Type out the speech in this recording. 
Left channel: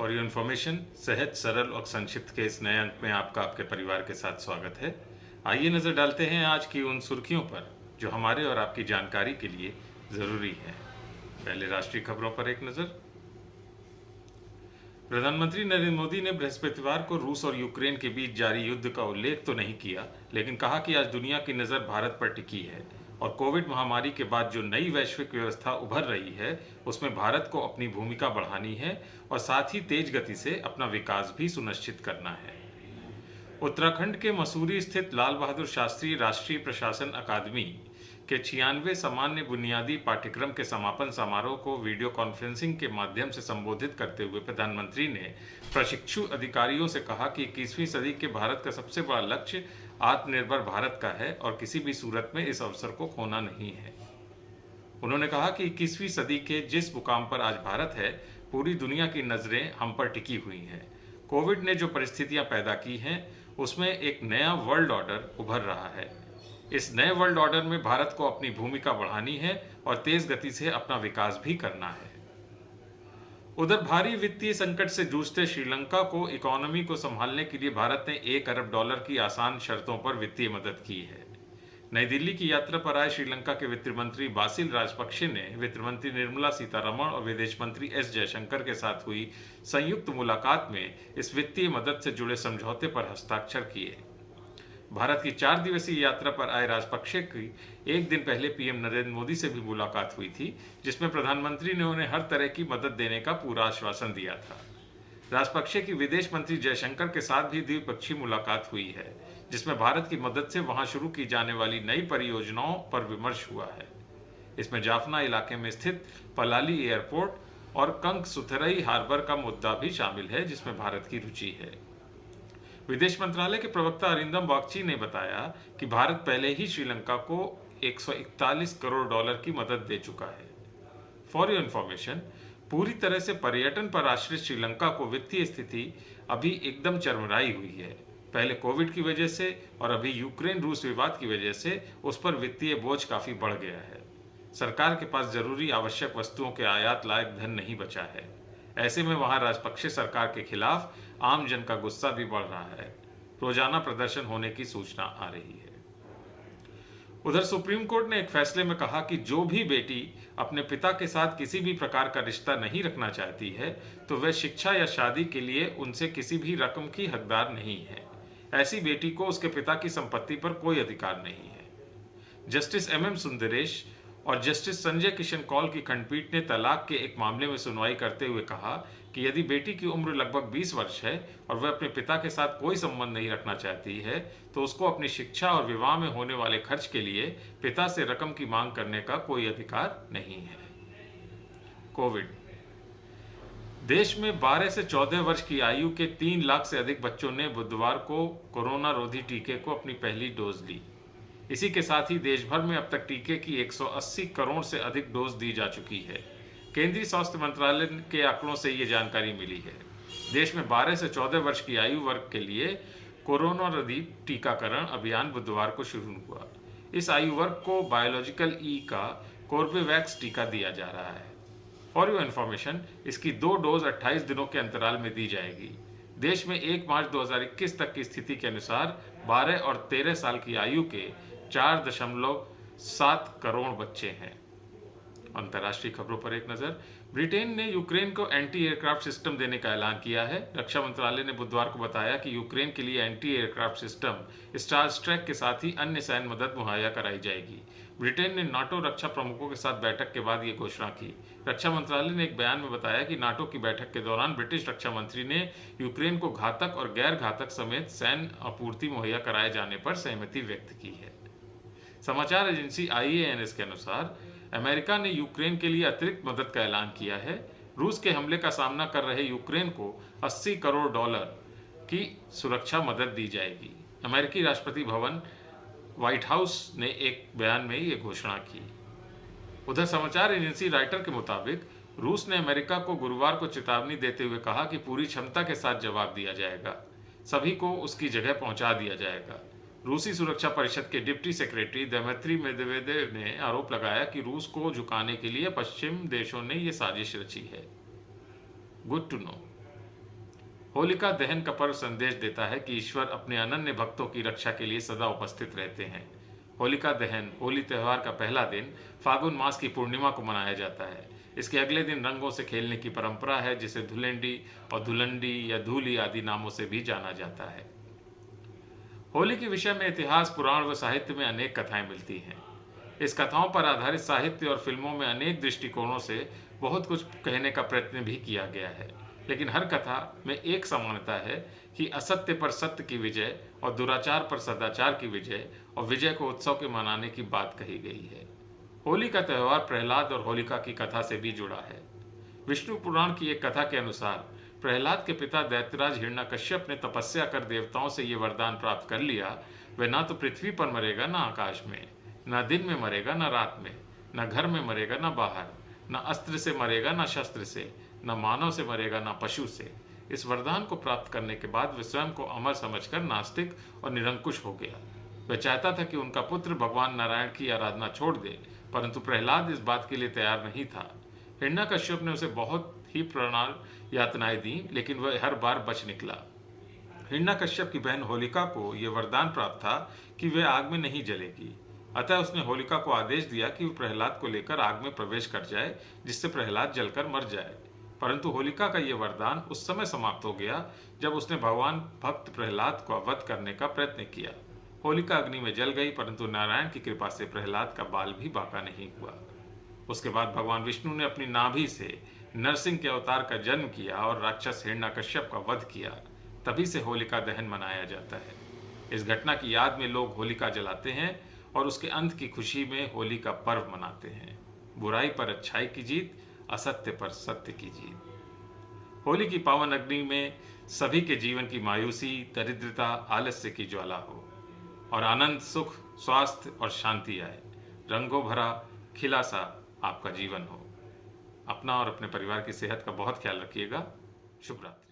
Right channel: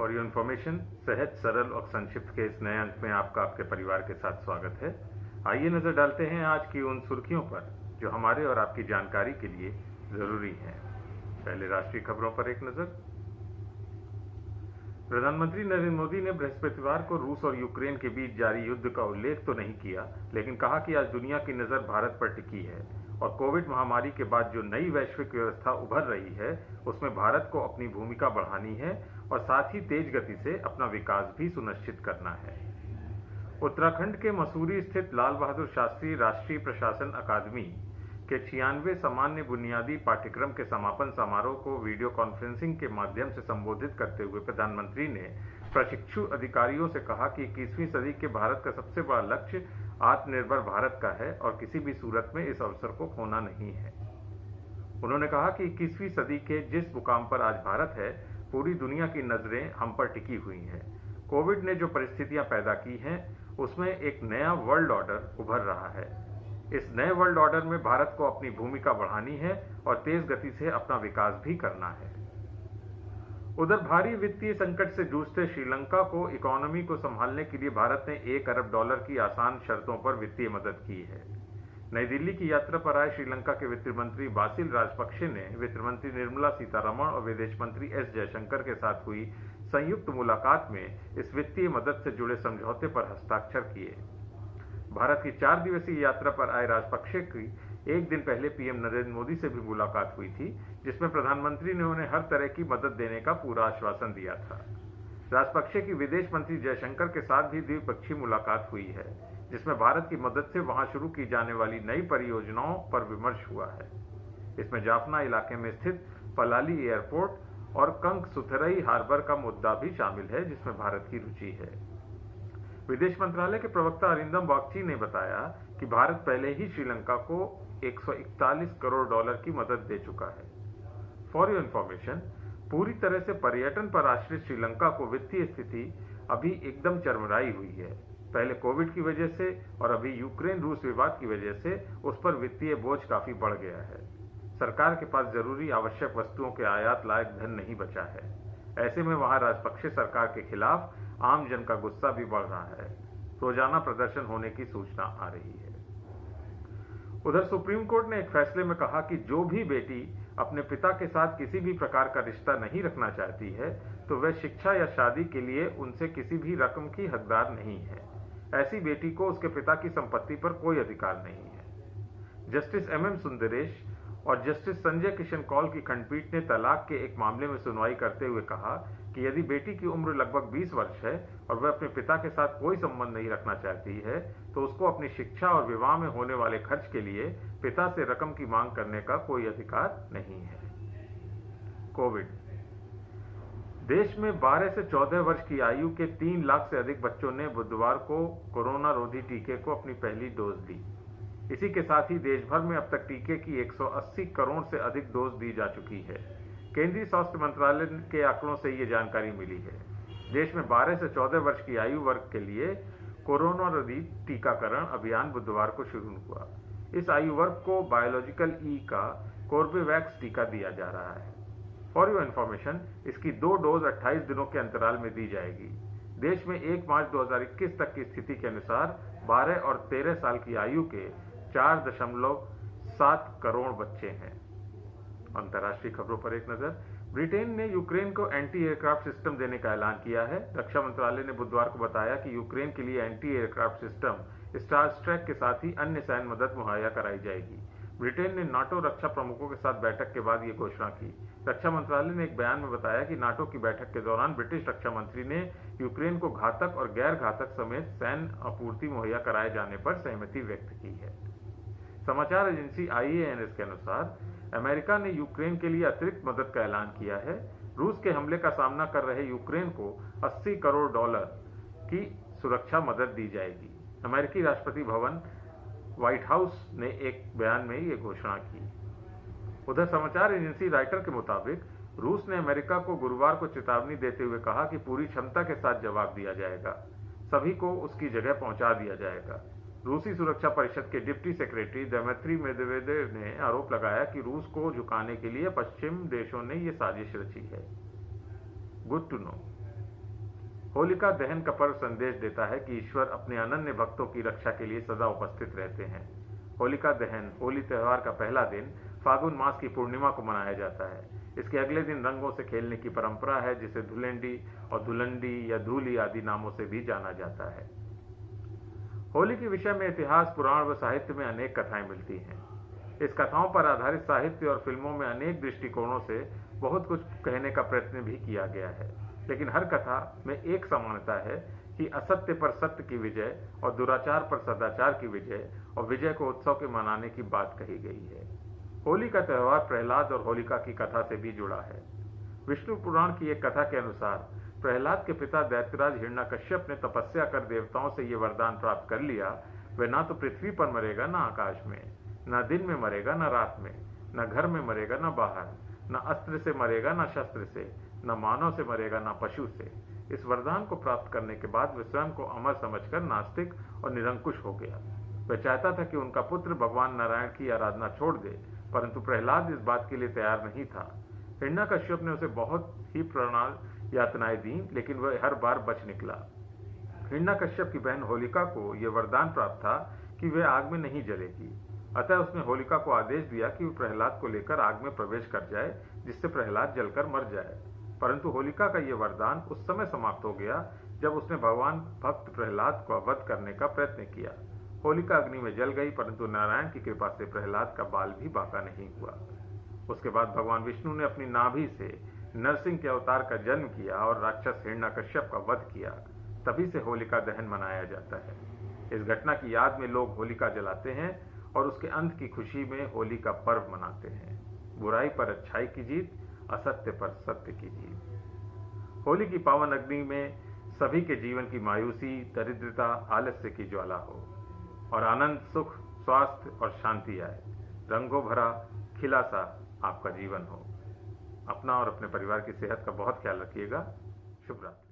For your information सहज सरल और संक्षिप्त के इस नए अंक में आपका आपके परिवार के साथ स्वागत है। आइए नजर डालते हैं आज की उन सुर्खियों पर जो हमारे और आपकी जानकारी के लिए जरूरी है। पहले राष्ट्रीय खबरों पर एक नजर। प्रधानमंत्री नरेंद्र मोदी ने बृहस्पतिवार को रूस और यूक्रेन के बीच जारी युद्ध का उल्लेख तो नहीं किया, लेकिन कहा कि आज दुनिया की नजर भारत पर टिकी है और कोविड महामारी के बाद जो नई वैश्विक व्यवस्था उभर रही है उसमें भारत को अपनी भूमिका बढ़ानी है और साथ ही तेज गति से अपना विकास भी सुनिश्चित करना है। उत्तराखंड के मसूरी स्थित लाल बहादुर शास्त्री राष्ट्रीय प्रशासन अकादमी के 96वें सामान्य बुनियादी पाठ्यक्रम के समापन समारोह को वीडियो कॉन्फ्रेंसिंग के माध्यम से संबोधित करते हुए प्रधानमंत्री ने प्रशिक्षु अधिकारियों से कहा कि 21वीं सदी के भारत का सबसे बड़ा लक्ष्य आत्मनिर्भर भारत का है और किसी भी सूरत में इस अवसर को खोना नहीं है। उन्होंने कहा कि 21वीं सदी के जिस मुकाम पर आज भारत है, पूरी दुनिया की नजरें हम पर टिकी हुई हैं। कोविड ने जो परिस्थितियां पैदा की हैं, उसमें एक नया वर्ल्ड ऑर्डर उभर रहा है। इस नए वर्ल्ड ऑर्डर में भारत को अपनी भूमिका बढ़ानी है और तेज गति से अपना विकास भी करना है। उधर भारी वित्तीय संकट से जूझते श्रीलंका को इकोनॉमी को संभालने के लिए भारत ने $1 अरब की आसान शर्तों पर वित्तीय मदद की है। नई दिल्ली की यात्रा पर आए श्रीलंका के वित्त मंत्री बासिल राजपक्षे ने वित्त मंत्री निर्मला सीतारमण और विदेश मंत्री एस जयशंकर के साथ हुई संयुक्त मुलाकात में इस वित्तीय मदद से जुड़े समझौते पर हस्ताक्षर किए। भारत की 4 दिवसीय यात्रा पर आए राजपक्षे की एक दिन पहले पीएम नरेंद्र मोदी से भी मुलाकात हुई थी, जिसमें प्रधानमंत्री ने उन्हें हर तरह की मदद देने का पूरा आश्वासन दिया था। राजपक्षे की विदेश मंत्री जयशंकर के साथ भी द्विपक्षीय मुलाकात हुई है, जिसमें भारत की मदद से वहां शुरू की जाने वाली नई परियोजनाओं पर विमर्श हुआ है। इसमें जाफना इलाके में स्थित पलाली एयरपोर्ट और कंकसुथरई हार्बर का मुद्दा भी शामिल है, जिसमें भारत की रुचि है। विदेश मंत्रालय के प्रवक्ता अरिंदम बागची ने बताया कि भारत पहले ही श्रीलंका को $141 करोड़ की मदद दे चुका है। फॉर योर इन्फॉर्मेशन, पूरी तरह से पर्यटन पर आश्रित श्रीलंका को वित्तीय स्थिति अभी एकदम चरमराई हुई है। पहले कोविड की वजह से और अभी यूक्रेन रूस विवाद की वजह से उस पर वित्तीय बोझ काफी बढ़ गया है। सरकार के पास जरूरी आवश्यक वस्तुओं के आयात लायक धन नहीं बचा है। ऐसे में वहां राजपक्षे सरकार के खिलाफ आम जन का गुस्सा भी बढ़ रहा है। रोजाना प्रदर्शन होने की सूचना आ रही है। उधर सुप्रीम कोर्ट ने एक फैसले में कहा कि जो भी बेटी अपने पिता के साथ किसी भी प्रकार का रिश्ता नहीं रखना चाहती है, तो वह शिक्षा या शादी के लिए उनसे किसी भी रकम की हकदार नहीं है। ऐसी बेटी को उसके पिता की संपत्ति पर कोई अधिकार नहीं है। जस्टिस MM सुंदरेश और जस्टिस संजय किशन कौल की खंडपीठ ने तलाक के एक मामले में सुनवाई करते हुए कहा कि यदि बेटी की उम्र लगभग 20 वर्ष है और वह अपने पिता के साथ कोई संबंध नहीं रखना चाहती है, तो उसको अपनी शिक्षा और विवाह में होने वाले खर्च के लिए पिता से रकम की मांग करने का कोई अधिकार नहीं है। कोविड देश में 12 से 14 वर्ष की आयु के 3 लाख से अधिक बच्चों ने बुधवार को कोरोना रोधी टीके को अपनी पहली डोज ली। इसी के साथ ही देश भर में अब तक टीके की 180 करोड़ से अधिक डोज दी जा चुकी है। केंद्रीय स्वास्थ्य मंत्रालय के आंकड़ों से ये जानकारी मिली है। देश में 12 से 14 वर्ष की आयु वर्ग के लिए कोरोना रोधी टीकाकरण अभियान बुधवार को शुरू हुआ। इस आयु वर्ग को बायोलॉजिकल ई का कोर्बेवैक्स टीका दिया जा रहा है। फॉर योर इन्फॉर्मेशन, इसकी 2 डोज 28 दिनों के अंतराल में दी जाएगी। देश में 1 मार्च 2021 तक की स्थिति के अनुसार 12 और 13 साल की आयु के 4.7 करोड़ बच्चे हैं। अंतर्राष्ट्रीय खबरों पर एक नजर। ब्रिटेन ने यूक्रेन को एंटी एयरक्राफ्ट सिस्टम देने का ऐलान किया है। रक्षा मंत्रालय ने बुधवार को बताया कि यूक्रेन के लिए एंटी एयरक्राफ्ट सिस्टम स्टारस्ट्रैक के साथ ही अन्य सैन्य मदद मुहैया कराई जाएगी। ब्रिटेन ने नाटो रक्षा प्रमुखों के साथ बैठक के बाद ये घोषणा की। रक्षा मंत्रालय ने एक बयान में बताया कि नाटो की बैठक के दौरान ब्रिटिश रक्षा मंत्री ने यूक्रेन को घातक और गैर घातक समेत सैन्य आपूर्ति मुहैया कराए जाने पर सहमति व्यक्त की है। समाचार एजेंसी IANS के अनुसार अमेरिका ने यूक्रेन के लिए अतिरिक्त मदद का ऐलान किया है। रूस के हमले का सामना कर रहे यूक्रेन को $80 करोड़ की सुरक्षा मदद दी जाएगी। अमेरिकी राष्ट्रपति भवन व्हाइट हाउस ने एक बयान में ये घोषणा की। उधर समाचार एजेंसी राइटर के मुताबिक रूस ने अमेरिका को गुरुवार को चेतावनी देते हुए कहा कि पूरी क्षमता के साथ जवाब दिया जाएगा, सभी को उसकी जगह पहुंचा दिया जाएगा। रूसी सुरक्षा परिषद के डिप्टी सेक्रेटरी दमित्री मेदवेदेव ने आरोप लगाया कि रूस को झुकाने के लिए पश्चिम देशों ने यह साजिश रची है। Good to know. होलिका दहन का पर्व संदेश देता है कि ईश्वर अपने अनन्य भक्तों की रक्षा के लिए सदा उपस्थित रहते हैं। होलिका दहन होली त्यौहार का पहला दिन फागुन मास की पूर्णिमा को मनाया जाता है। इसके अगले दिन रंगों से खेलने की परंपरा है, जिसे धुलेंडी और धुलंडी या धूली आदि नामों से भी जाना जाता है। होली के विषय में इतिहास, पुराण व साहित्य में अनेक कथाएं मिलती हैं। इस कथाओं पर आधारित साहित्य और फिल्मों में अनेक दृष्टिकोणों से बहुत कुछ कहने का प्रयत्न भी किया गया है, लेकिन हर कथा में एक समानता है कि असत्य पर सत्य की विजय और दुराचार पर सदाचार की विजय और विजय को उत्सव के मनाने की बात कही गई है। होली का त्यौहार प्रहलाद और होलिका की कथा से भी जुड़ा है। विष्णु पुराण की एक कथा के अनुसार प्रहलाद के पिता दैत्यराज हिरण्यकश्यप ने तपस्या कर देवताओं से ये वरदान प्राप्त कर लिया, वह ना तो पृथ्वी पर मरेगा, ना आकाश में, न दिन में मरेगा, न रात में, न घर में मरेगा, न बाहर, न अस्त्र से मरेगा, न शस्त्र से, न मानव से मरेगा, न पशु से। इस वरदान को प्राप्त करने के बाद वह स्वयं को अमर समझकर नास्तिक और निरंकुश हो गया। वह चाहता था कि उनका पुत्र भगवान नारायण की आराधना छोड़ दे, परंतु प्रहलाद इस बात के लिए तैयार नहीं था। हिरण्यकश्यप ने उसे बहुत ही प्राण यातनाएं दी, लेकिन वह हर बार बच निकला। हिरण्यकश्यप की बहन होलिका को यह वरदान प्राप्त था कि वह आग में नहीं जलेगी। अतः उसने होलिका को आदेश दिया कि वह प्रहलाद को लेकर आग में प्रवेश कर जाए, जिससे प्रहलाद जलकर मर जाए। परंतु होलिका का यह वरदान उस समय समाप्त हो गया जब उसने भगवान भक्त प्रहलाद को वध करने का प्रयत्न किया। होलिका अग्नि में जल गई, परंतु नारायण की कृपा से प्रहलाद का बाल भी बांका नहीं हुआ। उसके बाद भगवान विष्णु ने अपनी नाभि से नरसिंह के अवतार का जन्म किया और राक्षस हिरण्यकश्यप का वध किया। तभी से होलिका दहन मनाया जाता है। इस घटना की याद में लोग होलिका जलाते हैं और उसके अंत की खुशी में होली का पर्व मनाते हैं। बुराई पर अच्छाई की जीत, असत्य पर सत्य की जीत। होली की पावन अग्नि में सभी के जीवन की मायूसी, दरिद्रता, आलस्य की ज्वाला हो और आनंद, सुख, स्वास्थ्य और शांति आए। रंगों भरा खिला सा आपका जीवन हो। अपना और अपने परिवार की सेहत का बहुत ख्याल रखिएगा। शुभ रात्रि।